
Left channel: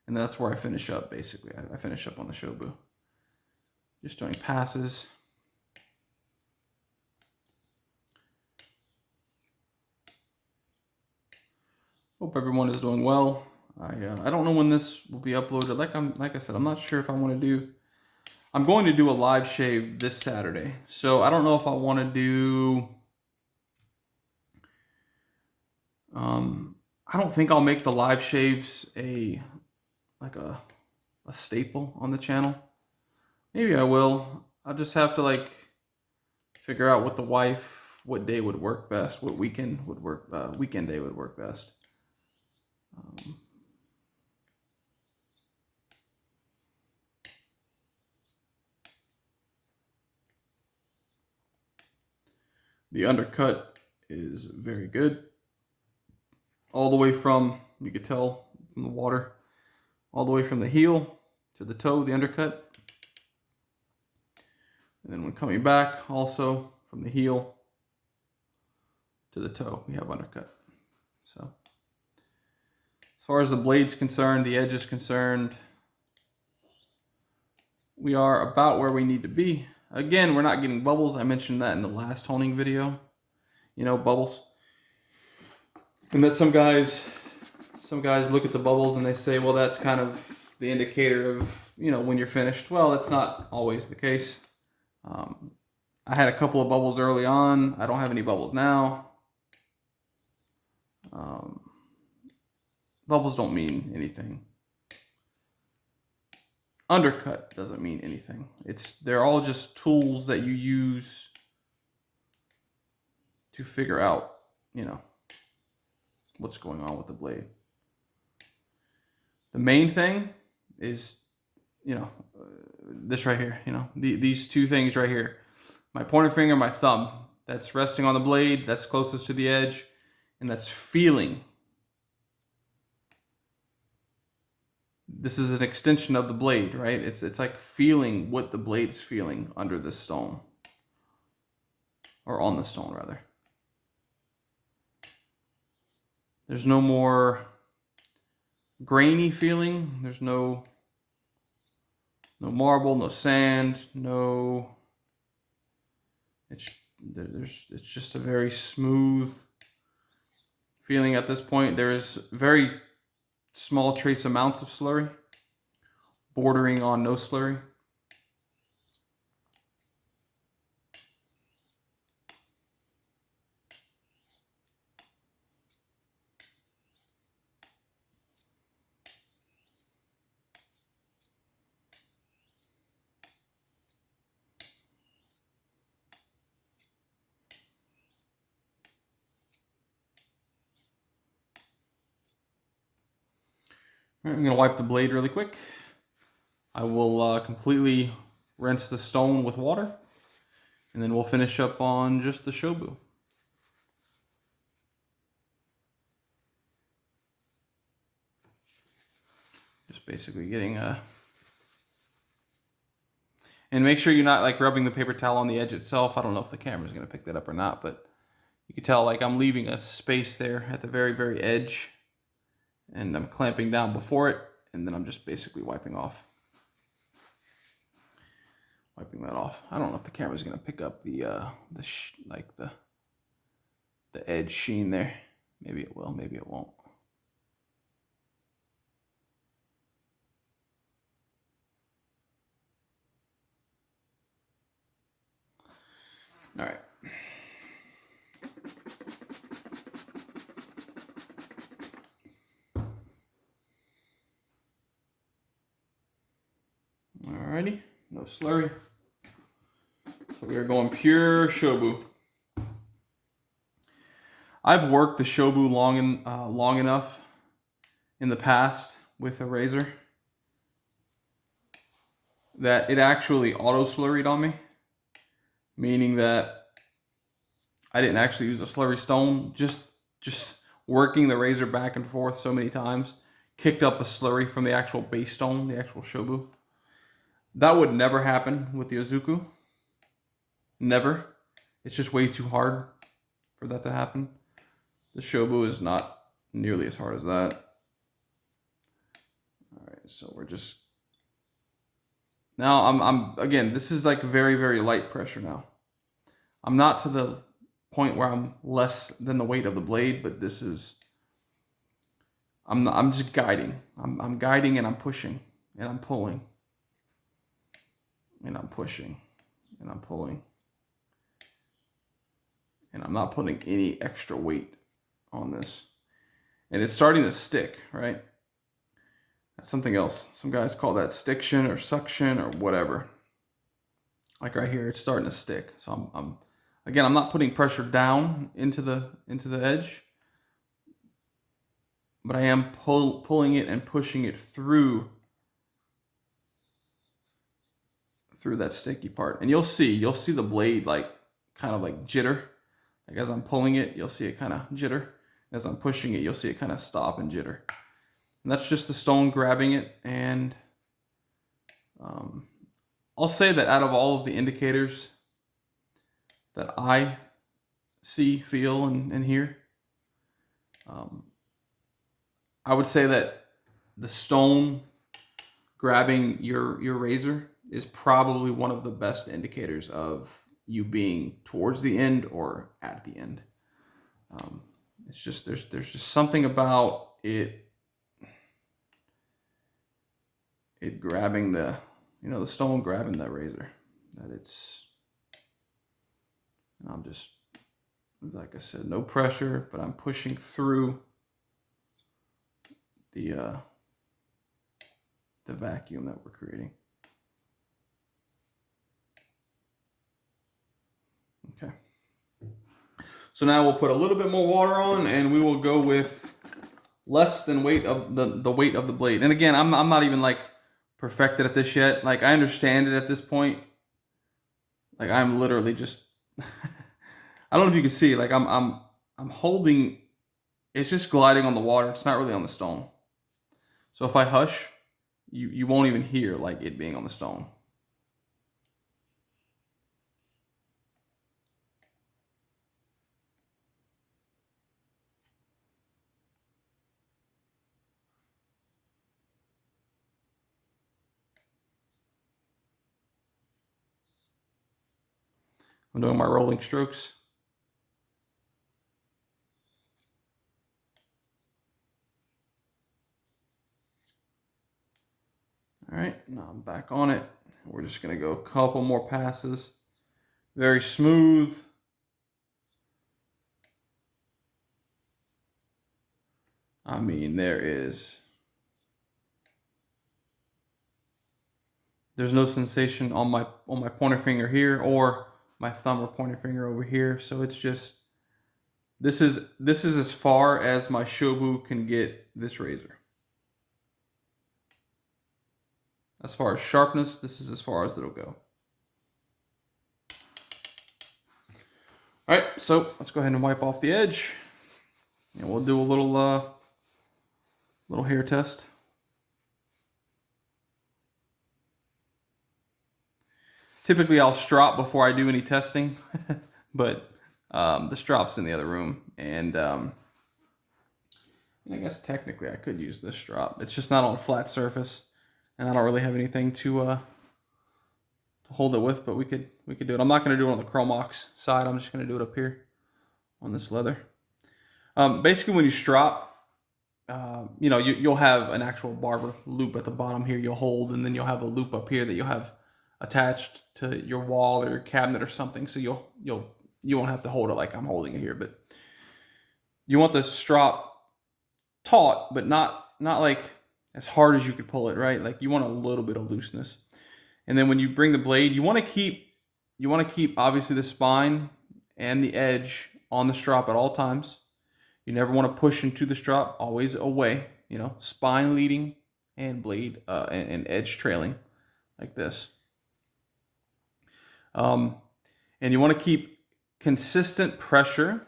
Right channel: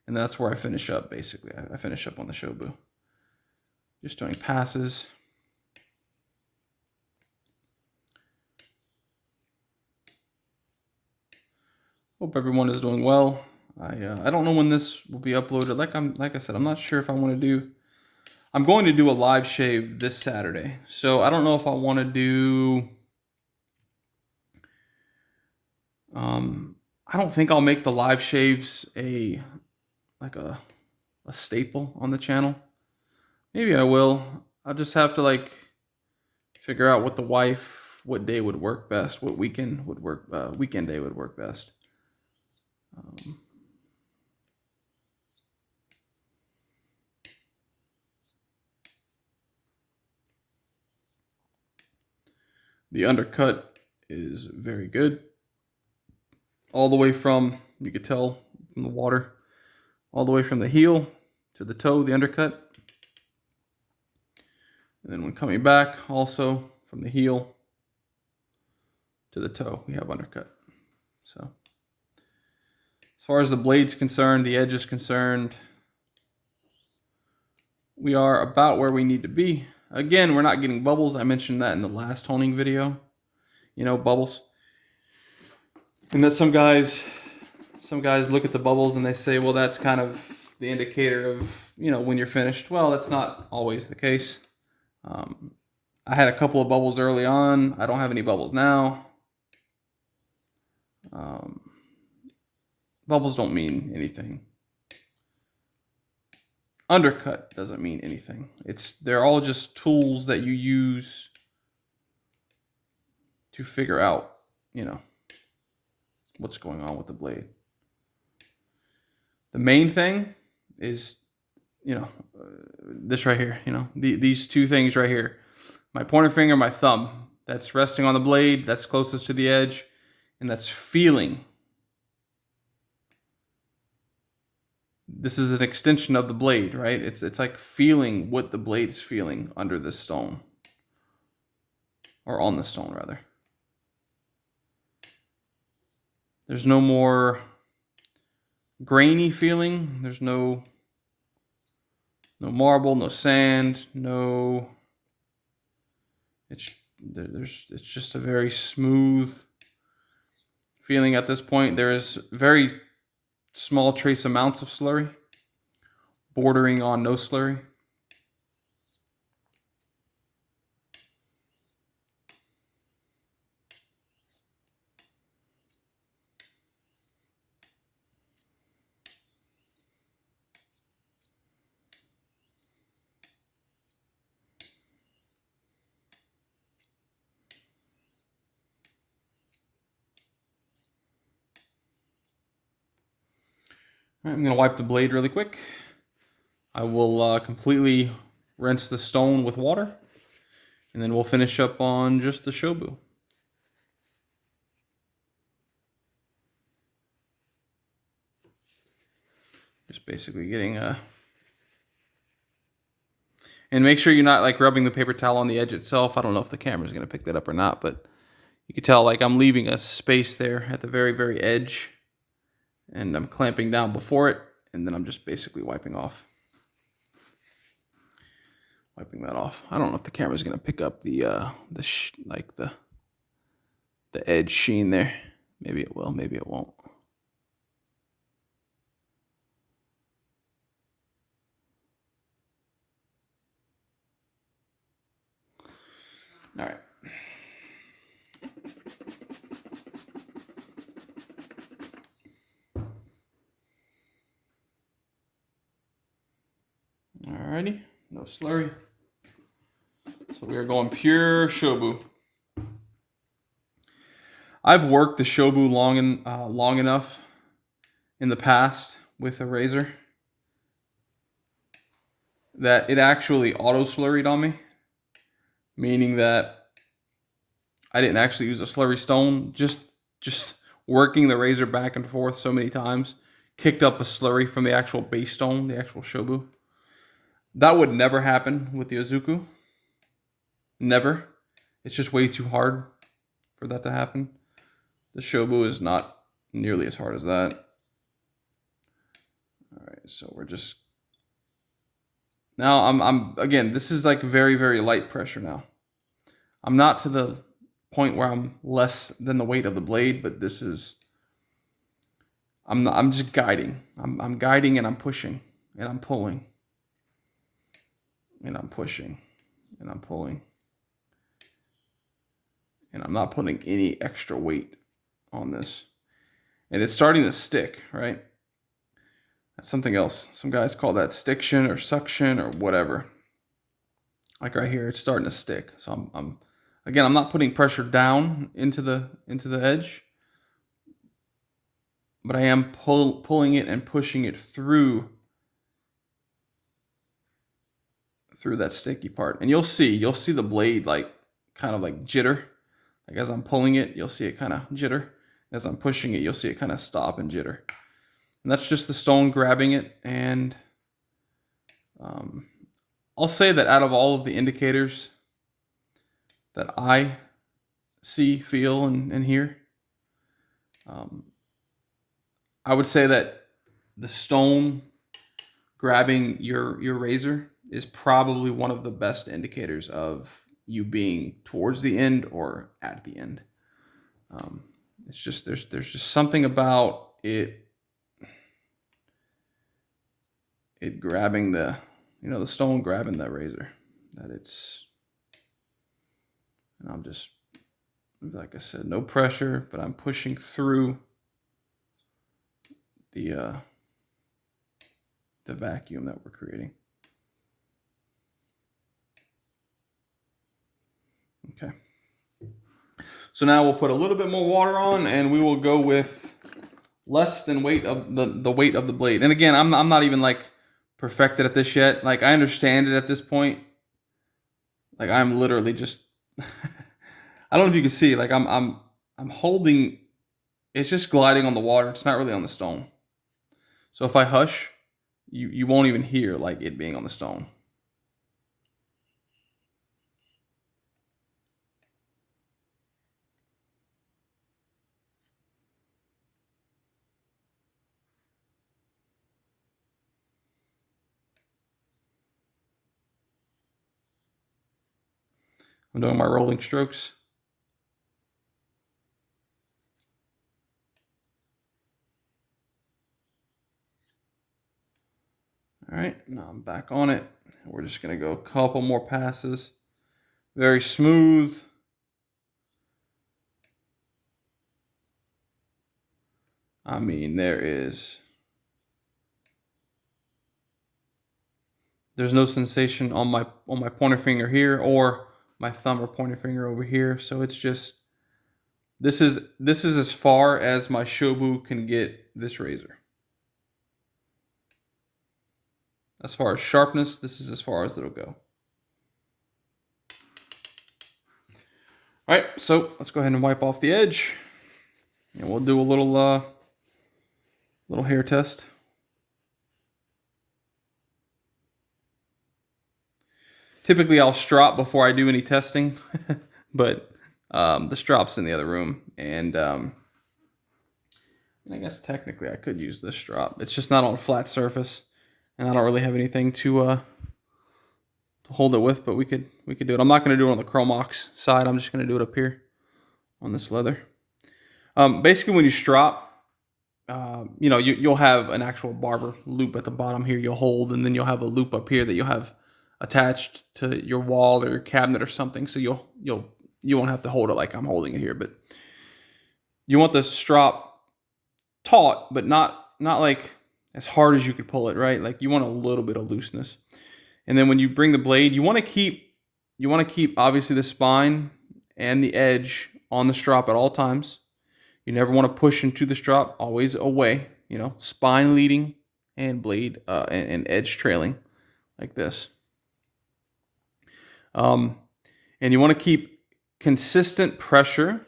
And that's where I finish up, basically. I finish up on the shobu. Just doing passes. Hope everyone is doing well. I don't know when this will be uploaded. Like I said, I'm not sure if I want to do. I'm going to do a live shave this Saturday, so I don't know if I want to do. I don't think I'll make the live shaves a staple on the channel. Maybe I will. I'll just have to like figure out with the wife what day would work best, what weekend would work, weekend day would work best. The undercut is very good. All the way from, you could tell from the water, all the way from the heel to the toe, the undercut. And then when coming back, also from the heel to the toe, we have undercut. So as far as the blade's concerned, the edge is concerned, we are about where we need to be. Again, we're not getting bubbles. I mentioned that in the last honing video, you know, bubbles. And that some guys look at the bubbles and they say, well, that's kind of the indicator of, you know, when you're finished. Well, that's not always the case. I had a couple of bubbles early on. I don't have any bubbles now. Bubbles don't mean anything. Undercut doesn't mean anything. They're all just tools that you use to figure out, you know, what's going on with the blade. The main thing is, you know, this right here, you know, these two things right here. My pointer finger, my thumb, that's resting on the blade, that's closest to the edge, and that's feeling. This is an extension of the blade, right? It's like feeling what the blade is feeling under this stone. Or on the stone, rather. There's no more grainy feeling. There's no marble, no sand, no... It's just a very smooth feeling at this point. There is very small trace amounts of slurry, bordering on no slurry. All right, I'm going to wipe the blade really quick. I will completely rinse the stone with water, and then we'll finish up on just the Shobu. Just basically getting and make sure you're not like rubbing the paper towel on the edge itself. I don't know if the camera's going to pick that up or not, but you can tell like I'm leaving a space there at the very, very edge. And I'm clamping down before it, and then I'm just basically wiping that off. I don't know if the camera's gonna pick up the edge sheen there. Maybe it will, maybe it won't. All right. Alrighty, no slurry. So we are going pure Shobu. I've worked the Shobu long enough in the past with a razor that it actually auto slurried on me, meaning that I didn't actually use a slurry stone. Just working the razor back and forth so many times kicked up a slurry from the actual base stone, the actual Shobu. That would never happen with the Izuku. Never. It's just way too hard for that to happen. The Shobu is not nearly as hard as that. All right, so we're just... Now, I'm again, this is like very, very light pressure now. I'm not to the point where I'm less than the weight of the blade, but this is... I'm just guiding. I'm guiding and I'm pushing and I'm pulling. And I'm pushing, and I'm pulling. And I'm not putting any extra weight on this. And it's starting to stick, right? That's something else. Some guys call that stiction or suction or whatever. Like right here, it's starting to stick. So I'm not putting pressure down into the edge, but I am pulling it and pushing it through that sticky part. And you'll see the blade like kind of like jitter. Like as I'm pulling it, you'll see it kind of jitter. As I'm pushing it, you'll see it kind of stop and jitter. And that's just the stone grabbing it. And I'll say that out of all of the indicators that I see, feel, and hear. I would say that the stone grabbing your razor is probably one of the best indicators of you being towards the end or at the end. It's just there's just something about it grabbing the the stone grabbing that razor that it's, and I'm just, like I said, no pressure, but I'm pushing through the vacuum that we're creating. Okay. So now we'll put a little bit more water on, and we will go with less than weight of the weight of the blade. And again, I'm not even like perfected at this yet. Like, I understand it at this point. Like, I'm literally just I don't know if you can see, like I'm holding, it's just gliding on the water. It's not really on the stone. So if I hush, you won't even hear like it being on the stone. I'm doing my rolling strokes. All right, now I'm back on it. We're just gonna go a couple more passes. Very smooth. I mean, there's no sensation on my pointer finger here or my thumb or pointer finger over here. So it's just, this is as far as my Shobu can get this razor. As far as sharpness, this is as far as it'll go. All right, so let's go ahead and wipe off the edge, and we'll do a little hair test. Typically, I'll strop before I do any testing, but the strop's in the other room, and I guess technically I could use this strop. It's just not on a flat surface, and I don't really have anything to hold it with, but we could do it. I'm not going to do it on the Chromox side. I'm just going to do it up here on this leather. Basically, when you strop, you'll have an actual barber loop at the bottom here you'll hold, and then you'll have a loop up here that you'll have attached to your wall or your cabinet or something. So you won't have to hold it like I'm holding it here, but you want the strop taut, but not like as hard as you could pull it, right? Like, you want a little bit of looseness. And then when you bring the blade, you want to keep obviously the spine and the edge on the strop at all times. You never want to push into the strop, always away, spine leading and blade and edge trailing like this. And you want to keep consistent pressure,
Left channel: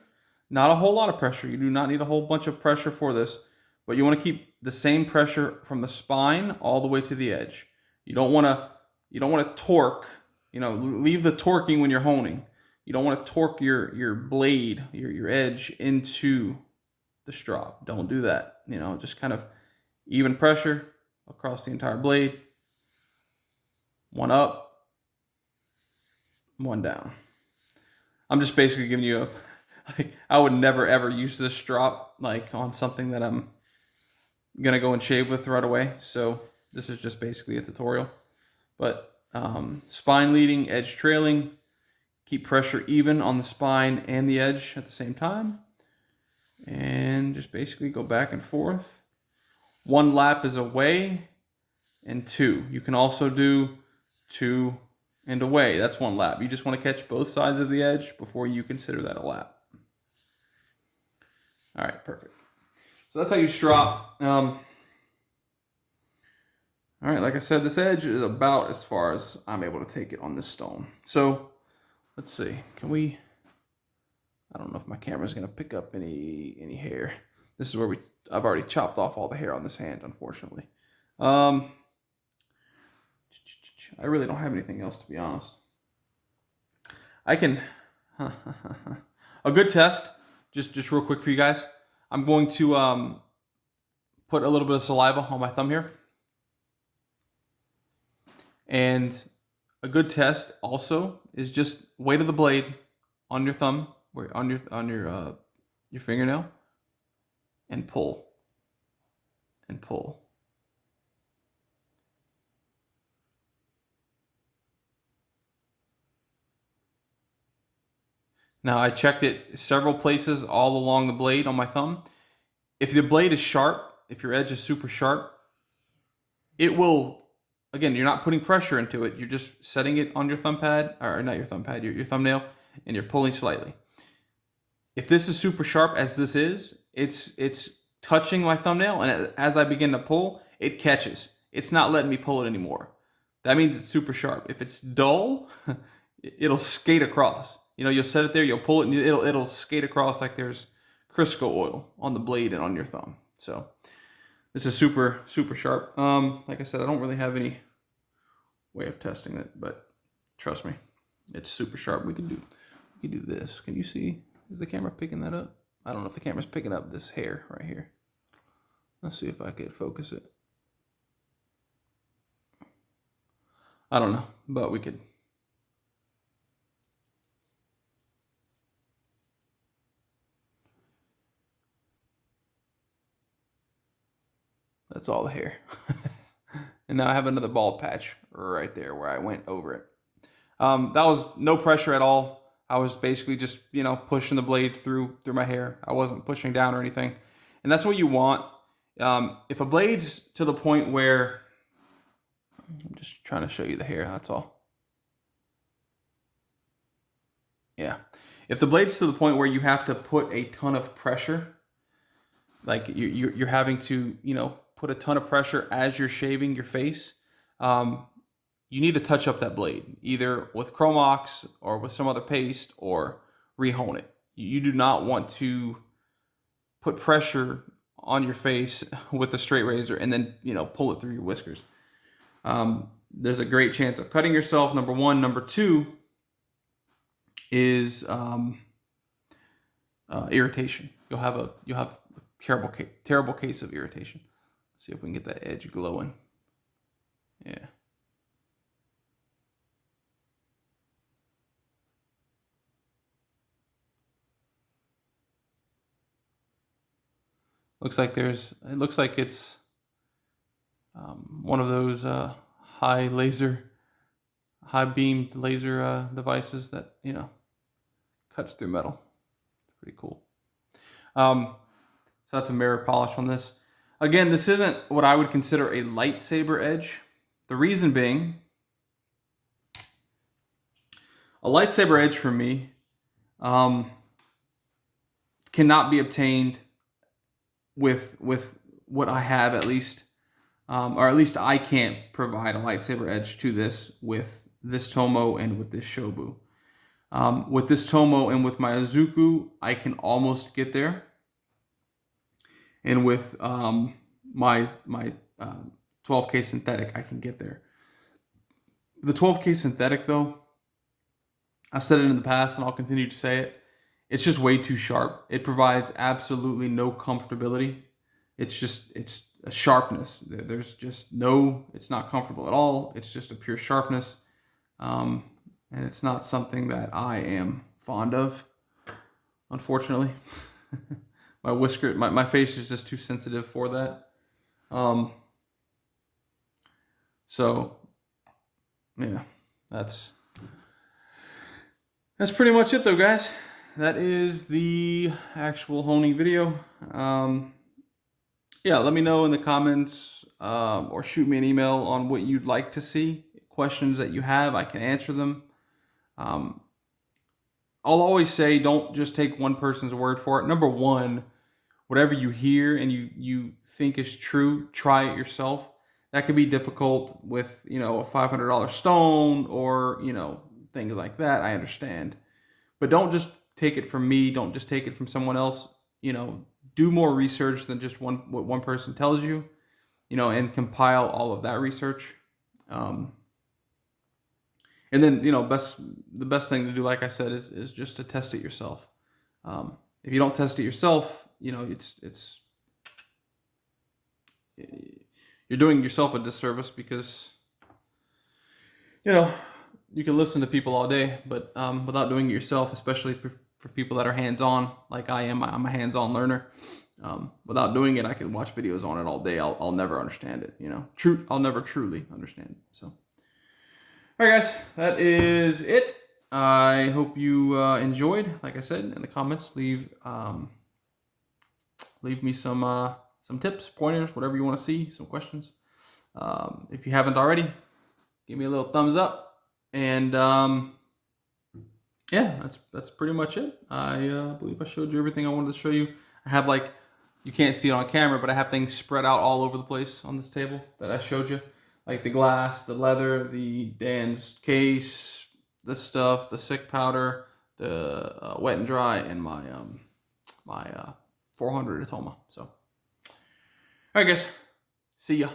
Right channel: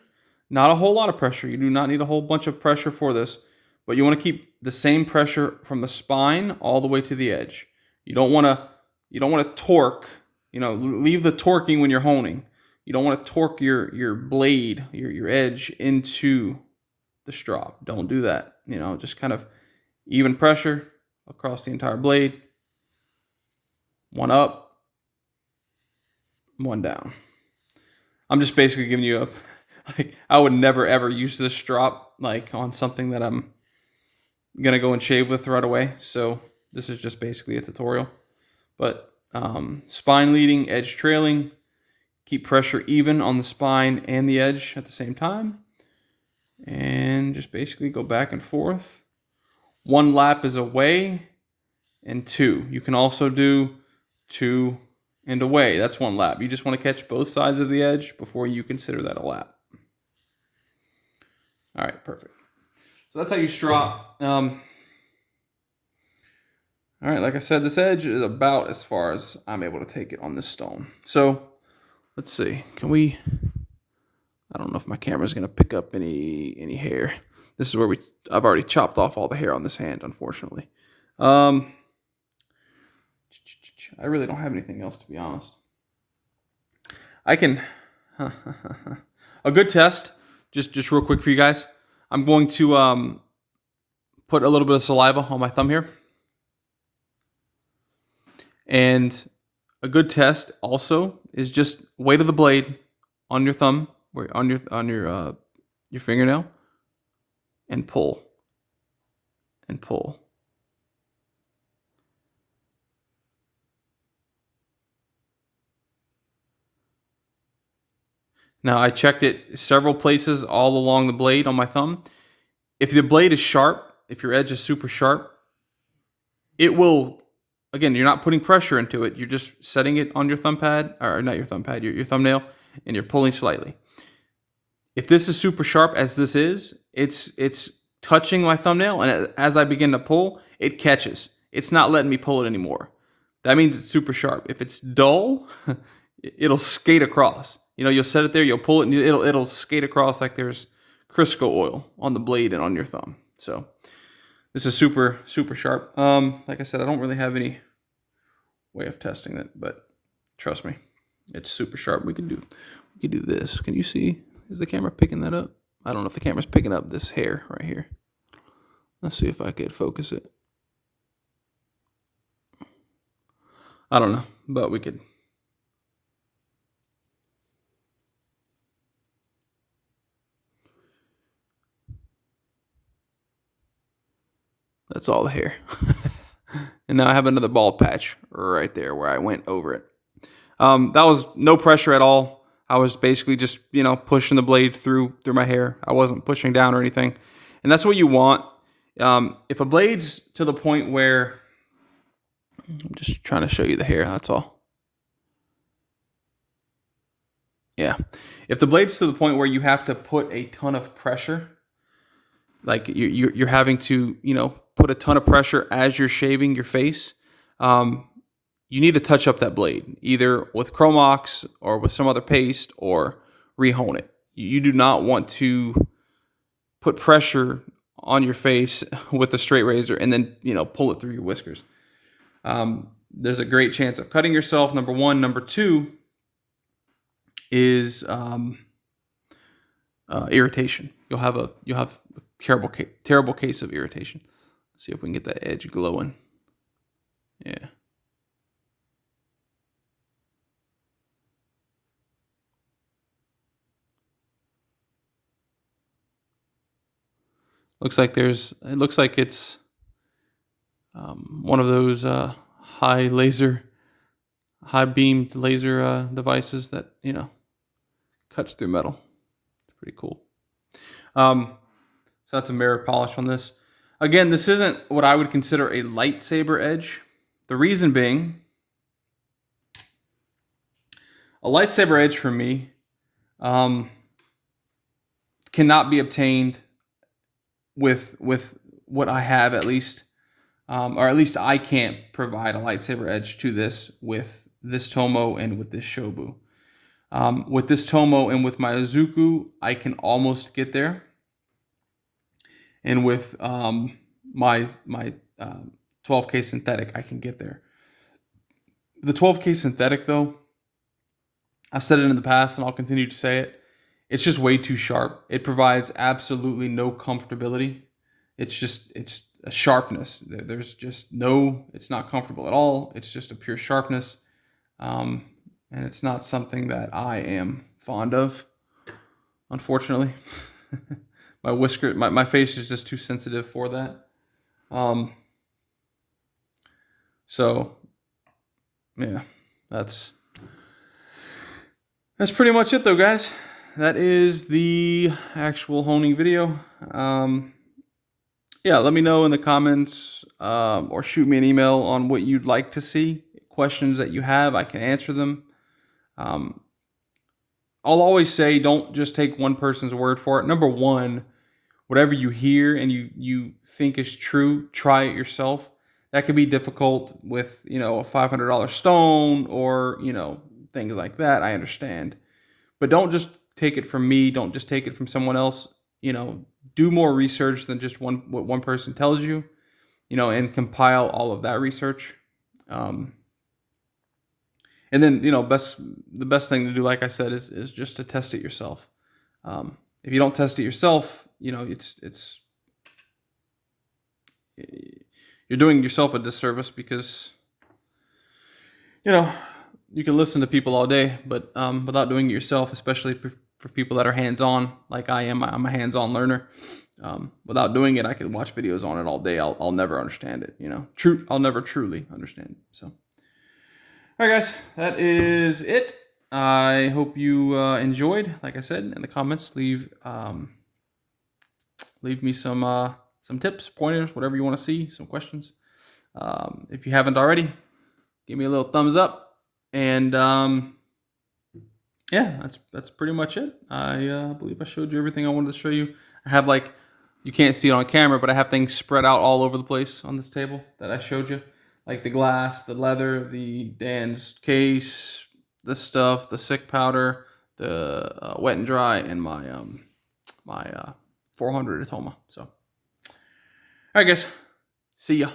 not a whole lot of pressure. You do not need a whole bunch of pressure for this, but you want to keep the same pressure from the spine all the way to the edge. You don't want to torque, leave the torquing when you're honing. You don't want to torque your blade, your edge into the strop. Don't do that. Just kind of even pressure across the entire blade. One up, one down. I'm just basically giving you I would never ever use this strop like on something that I'm gonna go and shave with right away. So this is just basically a tutorial. But spine leading, edge trailing, keep pressure even on the spine and the edge at the same time. And just basically go back and forth. One lap is away and two. You can also do two and away. That's one lap. You just want to catch both sides of the edge before you consider that a lap. All right, perfect. So that's how you strop. All right, like I said, this edge is about as far as I'm able to take it on this stone. So let's see. Can we? I don't know if my camera is going to pick up any hair. This is where I've already chopped off all the hair on this hand, unfortunately. I really don't have anything else, to be honest. I can. a good test, just real quick for you guys. I'm going to put a little bit of saliva on my thumb here. And a good test also is just weight of the blade on your thumb, on your fingernail, and pull, and pull. Now I checked it several places all along the blade on my thumb. If the blade is sharp, if your edge is super sharp, it will, again, you're not putting pressure into it. You're just setting it on your thumb pad, or not your thumb pad, your thumbnail, and you're pulling slightly. If this is super sharp as this is, it's touching my thumbnail, and as I begin to pull, it catches. It's not letting me pull it anymore. That means it's super sharp. If it's dull, it'll skate across. You'll set it there, you'll pull it, and it'll skate across like there's Crisco oil on the blade and on your thumb. So this is super, super sharp. Like I said, I don't really have any way of testing it, but trust me, it's super sharp. We can do this. Can you see? Is the camera picking that up? I don't know if the camera's picking up this hair right here. Let's see if I could focus it. I don't know, but we could. That's all the hair. And now I have another bald patch right there where I went over it. That was no pressure at all. I was basically just, pushing the blade through my hair. I wasn't pushing down or anything. And that's what you want. If a blade's to the point where, I'm just trying to show you the hair, that's all. Yeah. If the blade's to the point where you have to put a ton of pressure, like you're having to, put a ton of pressure as you're shaving your face, you need to touch up that blade, either with Chromox or with some other paste, or rehone it. You do not want to put pressure on your face with a straight razor and then, pull it through your whiskers. There's a great chance of cutting yourself, number one. Number two is irritation. You'll have a terrible case of irritation. Let's see if we can get that edge glowing. Yeah. It looks like it's one of those high beamed laser devices that, cuts through metal. It's pretty cool. So that's a mirror polish on this. Again, this isn't what I would consider a lightsaber edge. The reason being, a lightsaber edge for me cannot be obtained with what I have, at least, or at least I can't provide a lightsaber edge to this with this Tomoe and with this Shobu. With this Tomoe and with my Izuku, I can almost get there. And with my 12K synthetic, I can get there. The 12K synthetic, though, I've said it in the past and I'll continue to say it, it's just way too sharp. It provides absolutely no comfortability. It's a sharpness. There's just it's not comfortable at all. It's just a pure sharpness. And it's not something that I am fond of, unfortunately. My face is just too sensitive for that. So yeah, that's pretty much it though, guys. That is the actual honing video. Yeah, let me know in the comments, or shoot me an email on what you'd like to see. Questions that you have, I can answer them. I'll always say, don't just take one person's word for it. Number one, whatever you hear and you think is true, try it yourself. That could be difficult with, a $500 stone or, things like that. I understand. But don't just take it from me. Don't just take it from someone else. Do more research than just what one person tells you, and compile all of that research. And then, the best thing to do, like I said, is just to test it yourself. If you don't test it yourself, you know, you're doing yourself a disservice, because, you know, you can listen to people all day, but without doing it yourself, especially for people that are hands-on, like I am. I'm a hands-on learner. Without doing it, I could watch videos on it all day. I'll never understand it. You know, I'll never truly understand it. So, all right, guys, that is it. I hope you enjoyed. Like I said, in the comments, leave me some tips, pointers, whatever you want to see, some questions. If you haven't already, give me a little thumbs up. And yeah, that's pretty much it. I believe I showed you everything I wanted to show you. I have, like, you can't see it on camera, but I have things spread out all over the place on this table that I showed you. Like the glass, the leather, the Dan's case, this stuff, the sick powder, the wet and dry, and my 400 Atoma. So, all right, guys, see ya.